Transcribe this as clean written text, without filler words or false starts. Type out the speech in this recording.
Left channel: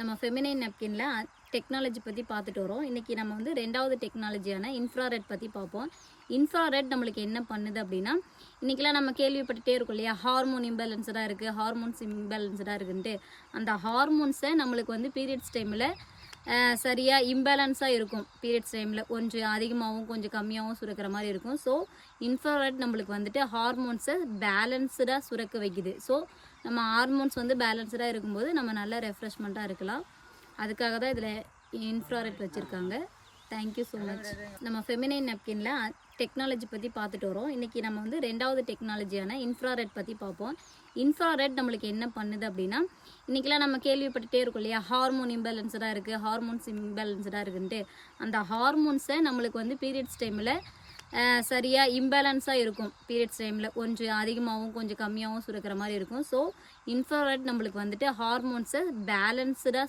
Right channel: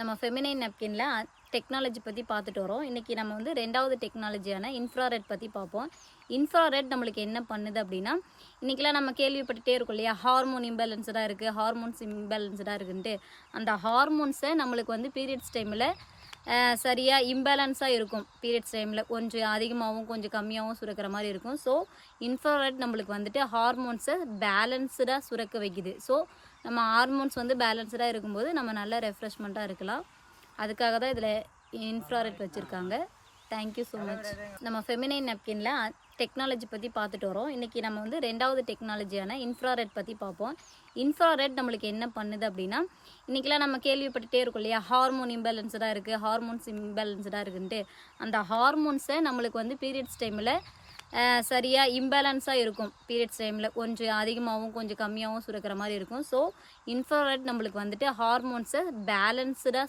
நம்ம feminine நாப்கினில் technology பற்றி பார்த்துட்டு வரோம். இன்றைக்கி நம்ம வந்து 2வது டெக்னாலஜியான இன்ஃப்ராரெட் பற்றி பார்ப்போம். இன்ஃப்ராரெட் நம்மளுக்கு என்ன பண்ணுது அப்படின்னா, இன்றைக்கெலாம் நம்ம கேள்விப்பட்டுகிட்டே இருக்கோம் இல்லையா, ஹார்மோன் இம்பேலன்ஸ்டாக இருக்குது, ஹார்மோன்ஸ் இம்பேலன்ஸ்டாக இருக்குன்ட்டு. அந்த ஹார்மோன்ஸை நம்மளுக்கு வந்து பீரியட்ஸ் டைமில் சரியாக இம்பேலன்ஸாக இருக்கும். பீரியட்ஸ் டைமில் கொஞ்சம் அதிகமாகவும் கொஞ்சம் கம்மியாகவும் சுரக்கிற மாதிரி இருக்கும். ஸோ இன்ஃப்ராரெட் நம்மளுக்கு வந்துட்டு ஹார்மோன்ஸை பேலன்ஸ்டாக சுரக்க வைக்குது. ஸோ நம்ம ஹார்மோன்ஸ் வந்து பேலன்ஸ்டாக இருக்கும்போது நம்ம நல்லா ரெஃப்ரெஷ்மெண்ட்டாக இருக்கலாம். அதுக்காக தான் இதில் இன்ஃப்ராரெட் வச்சுருக்காங்க. Thank you so much. நம்ம ஃபெமினைன் நாப்கினில் டெக்னாலஜி பற்றி பார்த்துட்டு வரோம். இன்றைக்கி நம்ம வந்து 2வது டெக்னாலஜியான இன்ஃப்ராரெட் பற்றி பார்ப்போம். இன்ஃப்ராரெட் நம்மளுக்கு என்ன பண்ணுது அப்படின்னா, இன்றைக்கெலாம் நம்ம கேள்விப்பட்டுகிட்டே இருக்கோம் இல்லையா, ஹார்மோன் இம்பேலன்ஸ்டாக இருக்குது, ஹார்மோன்ஸ் இம்பேலன்ஸ்டாக இருக்குன்ட்டு. அந்த ஹார்மோன்ஸை நம்மளுக்கு வந்து பீரியட்ஸ் டைமில் சரியாக இம்பேலன்ஸாக இருக்கும். பீரியட்ஸ் டைமில் கொஞ்சம் அதிகமாகவும் கொஞ்சம் கம்மியாகவும் சுரக்கிற மாதிரி இருக்கும். ஸோ இன்ஃப்ராரெட் நம்மளுக்கு வந்துட்டு ஹார்மோன்ஸை பேலன்ஸ்டாக